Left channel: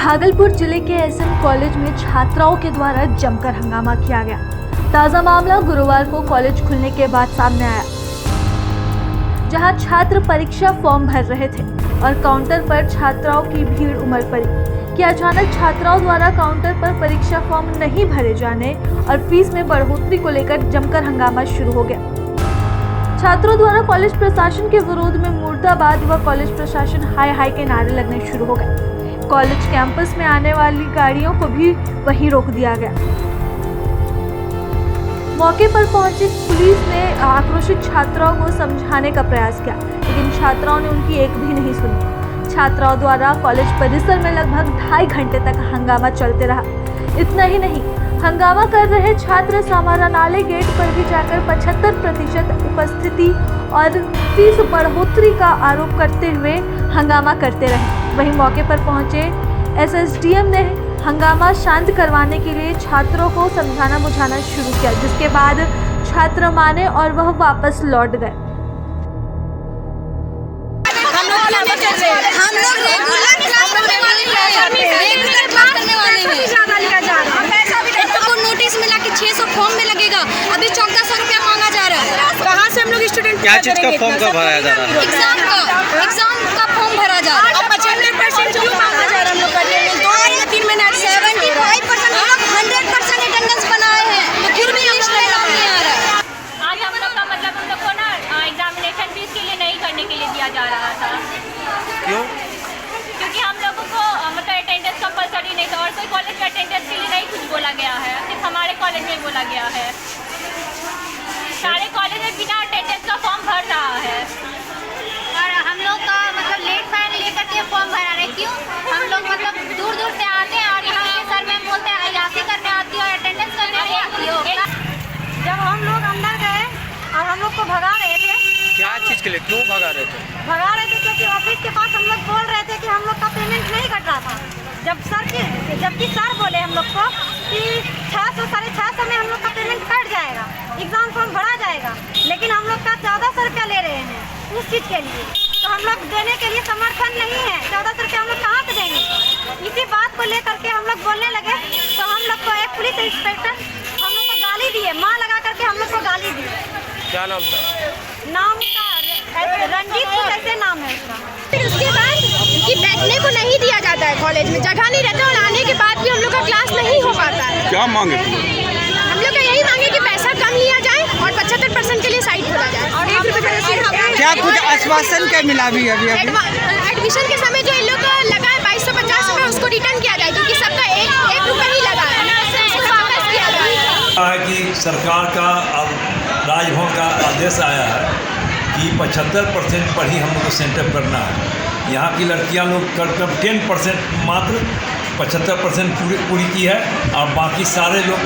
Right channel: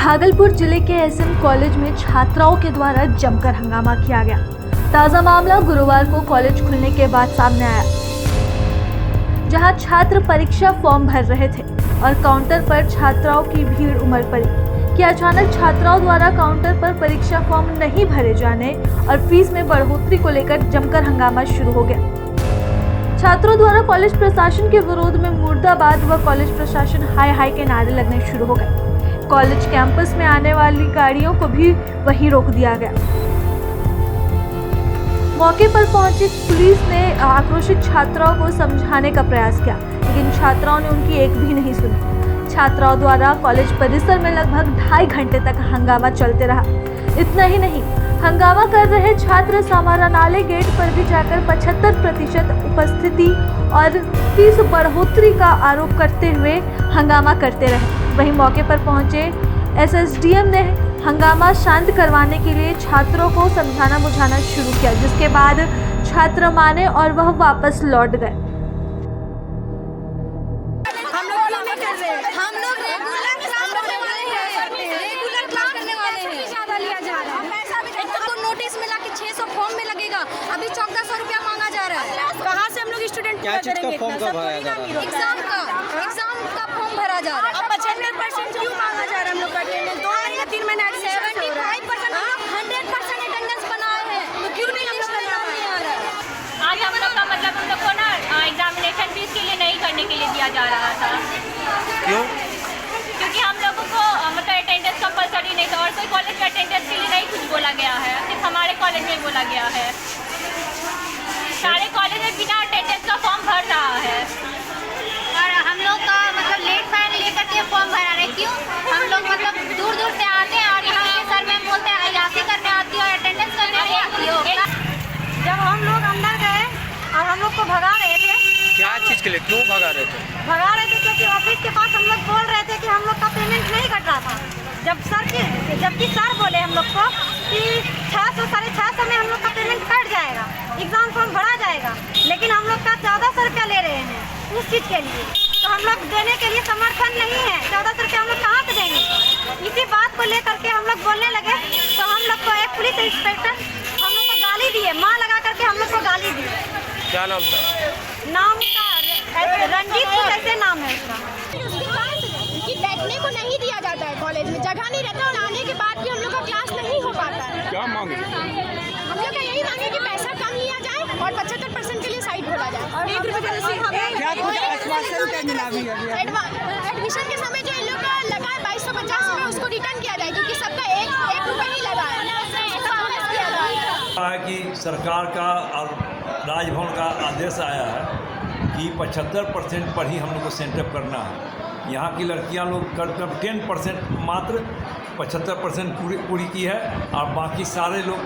भागलपुर जिले के SM college में छात्राओं के द्वारा जमकर हंगामा किया गया। ताजा मामला गुरुवार को कॉलेज खुलने के बाद सामने आया, जहां छात्र परीक्षा फॉर्म भर रहे थे और काउंटर पर छात्राओं की भीड़ उमड़ पड़ी कि अचानक छात्राओं द्वारा काउंटर पर परीक्षा फॉर्म नहीं भरे जाने और फीस में बढ़ोतरी को लेकर जमकर हंगामा शुरू हो गया। छात्रों द्वारा कॉलेज प्रशासन के विरोध में मुर्दाबाद व कॉलेज प्रशासन हाय हाय के नारे लगने शुरू हो गए। कॉलेज कैंपस में आने वाली गाड़ियों को भी वहीं रोक दिया गया। मौके पर पहुंची पुलिस ने आक्रोशित छात्राओं को समझाने का प्रयास किया, लेकिन छात्राओं ने उनकी एक भी नहीं सुनी। छात्राओं द्वारा कॉलेज परिसर में लगभग 2.5 घंटे तक हंगामा चलते रहा। इतना ही नहीं, हंगामा कर रहे छात्र समाहरणालय गेट पर भी जाकर 75% उपस्थिति और फीस बढ़ोतरी का आरोप करते हुए हंगामा करते रहे। वहीं मौके पर पहुंचे एसएसडीएम ने हंगामा शांत करवाने के लिए छात्रों को समझाना बुझाना शुरू किया, जिसके बाद छात्र माने और वह वापस लौट गए। फॉर्म में लगेगा, अभी 1400 रुपया मांगा जा रहा है। कहाँ से हम लोग स्टूडेंट क्या चीज का फॉर्म का भराया जा रहा है? एग्जाम का फॉर्म भरा जा रहा है। अब 75% जो मांगा जा रहा है हम लोग करने में 2 या 3 महीने 75% हम लोग 100% अटेंडेंस बनाए हैं, तो फिर भी लिस्ट नहीं आ रहा है। आज हम लोग का मतलब हम लोग को ना एग्जामिनेशन फीस के लिए नहीं करने के लिए दिया जा रहा था। क्यों? क्योंकि हम लोगों को मतलब अटेंडेंस कंपलसरी नहीं था और कोई कॉलेज के अटेंडेंस के लिए नहीं कुछ बोला गया है, सिर्फ हमारे कॉलेज में बोला गया है। सारे कॉलेज में बिना अटेंडेंस का फॉर्म भर रहा है और हम लोग का मतलब लेट फाइन लेकर के फॉर्म भरा रहे। क्यों? हम लोग मतलब दूर दूर से आते हैं और यहाँ के सर मैम बोलते हैं अयासी करने आती हो और अटेंडेंस करने नहीं आती हो। जब हम लोग अंदर गए और हम लोग को भगा रहे थे, क्या चीज के लिए क्यों भगा रहे थे? क्योंकि ऑफिस के पास हम लोग बोल रहे थे कि हम लोग का पेमेंट नहीं कट रहा था। जबकि सर बोले हम लोग को कि 600 650 में हम लोग का पेमेंट कट जाएगा, एग्जाम फॉर्म भरा जाएगा, लेकिन हम लोग का 1400 रुपया ले रहे हैं उस चीज़ के लिए। तो हम लोग देने के लिए समर्थन नहीं है। 1400 रुपया हम लोग कहाँ से देंगे? इसी बात को लेकर के हम लोग बोलने लगे तो हम लोग को एक पुलिस इंस्पेक्टर हम लोग को गाली दिए, माँ लगा करके हम लोग को गाली दी। क्या नाम था? नाम का रंजीत कुछ ऐसे नाम है उसका। फिर उसके बाद कि बैठने को नहीं दिया जाता है, कॉलेज में जगह नहीं रहता और आने के बाद भी हम लोग का क्लास नहीं हो पाता है। क्या मांगे? हम लोग का यही मांगे कि पैसा कम लिया जाए और 75% के लिए साइड खोला जाए और 1 रुपये क्या कुछ आश्वासन क्या मिला अभी? एडमिशन के समय जो इन लोग का लगा है 2250 रुपये, उसको रिटर्न किया जाए, क्योंकि सबका 1 रुपये ही लगा है, उसको वापस किया जाए। कि सरकार का अब राजभवन का आदेश आया है कि 75% पर ही हम लोग को सेंटर करना है। यहाँ की लड़कियाँ लोग कर 10% मात्र 75% पूरी की है और बाकी सारे लोग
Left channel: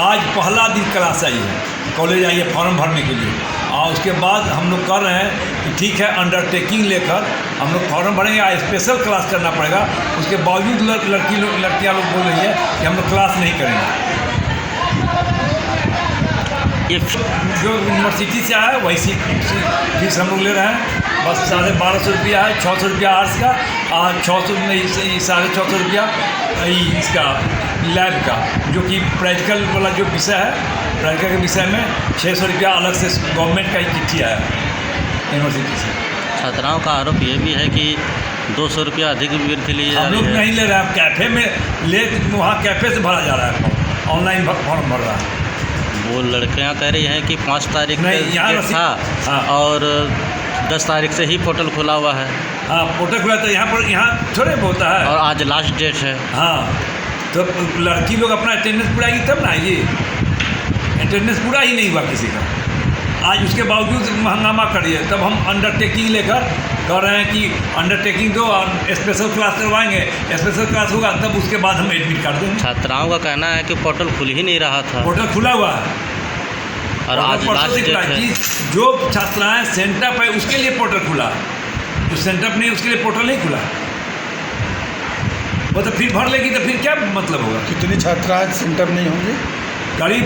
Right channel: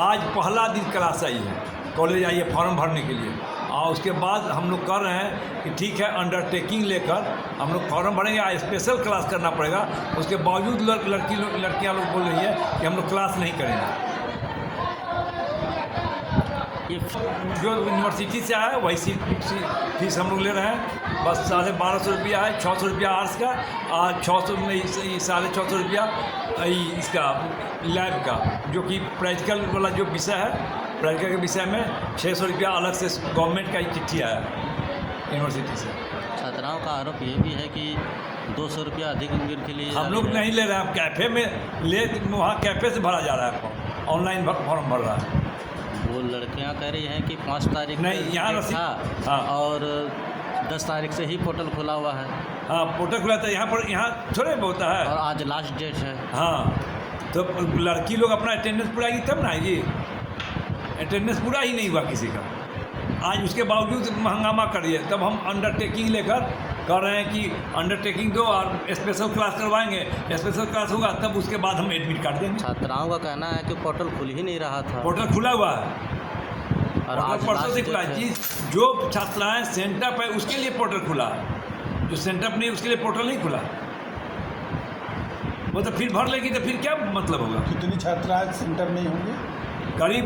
आज पहला दिन क्लास आई है, कॉलेज आई है फॉर्म भरने के लिए। और उसके बाद हम लोग कर रहे हैं कि ठीक है अंडरटेकिंग लेकर हम लोग फॉर्म भरेंगे या स्पेशल क्लास करना पड़ेगा। उसके बावजूद लड़कियाँ लोग बोल रही है कि हम लोग क्लास नहीं करेंगे। ये जो यूनिवर्सिटी से आया है वही फीस हम लोग ले रहे हैं। बस 1250 रुपया है, 600 रुपया आर्ट्स का और 600 नहीं 650 रुपया इसका लैब का, जो कि प्रैक्टिकल वाला जो विषय है, प्रैक्टिकल के विषय में 600 रुपया अलग से गवर्नमेंट का ही चिट्ठी आया यूनिवर्सिटी से। छात्राओं का आरोप ये भी है कि 200 रुपया अधिक वृद्धि ली जा रही है। हम लोग नहीं ले रहे हैं, कैफ़े में वहाँ कैफ़े से भरा जा रहा है फॉर्म, ऑनलाइन फॉर्म भर रहा है। वो लड़कियां कह रही हैं कि 5 तारीख नहीं था हाँ। और 10 तारीख से ही पोर्टल खुला हुआ है। हाँ, पोर्टल खुला था यहाँ थोड़े होता है और आज लास्ट डेट है। हाँ, तो लड़की लोग अपना अटेंडेंस पूराएगी तब ना आएगी। अटेंडेंस पूरा ही नहीं हुआ किसी का, आज उसके बावजूद हंगामा करिए। तब हम अंडरटेकिंग लेकर कह रहे हैं कि अंडरटेकिंग दो और स्पेशल क्लास करवाएंगे, स्पेशल क्लास होगा तब उसके बाद हम एडमिट कर देंगे। छात्राओं का कहना है कि पोर्टल खुल ही नहीं रहा था। पोर्टल खुला हुआ है और आज लास्ट डेट है। जो छात्राएं सेंटर पर उसके लिए पोर्टल खुला है, जो सेंटर पर नहीं उसके लिए पोर्टल नहीं खुला। वो तो फिर भर लेगी तो फिर क्या मतलब होगा? कितनी छात्राएं सेंटर नहीं होंगी?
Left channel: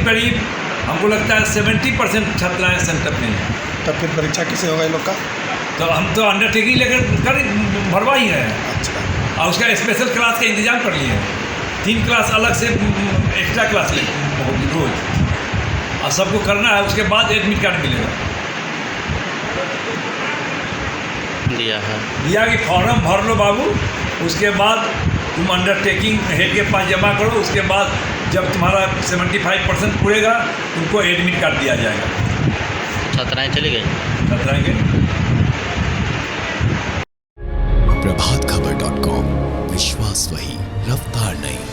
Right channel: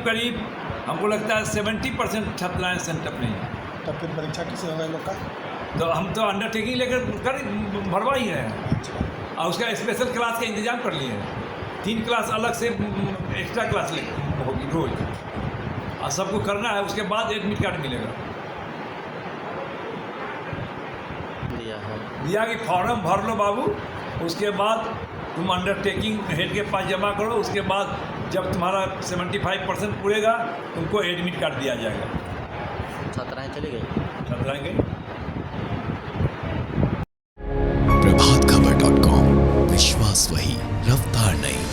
करीब हमको लगता है 70% छात्राएं सेंटर में हैं। तब फिर परीक्षा कैसे होगा इन लोग का? तो हम तो अंडरटेकिंग लेकर भरवा ही रहे हैं। अच्छा। और उसका स्पेशल क्लास का इंतजाम कर लिए 3 क्लास अलग से एक्स्ट्रा क्लास होगी रोज, और सबको करना है। उसके बाद एडमिट कार्ड मिलेगा। दिया कि फॉर्म भर लो बाबू, उसके बाद तुम अंडरटेकिंग हेड के पास जमा करो। उसके बाद जब तुम्हारा 75% पूरेगा तुमको एडमिट कार्ड दिया जाएगा। छात्राएं चली गई। छात्राएं के प्रभातखबर.com, विश्वास वही, रफ्तार नहीं।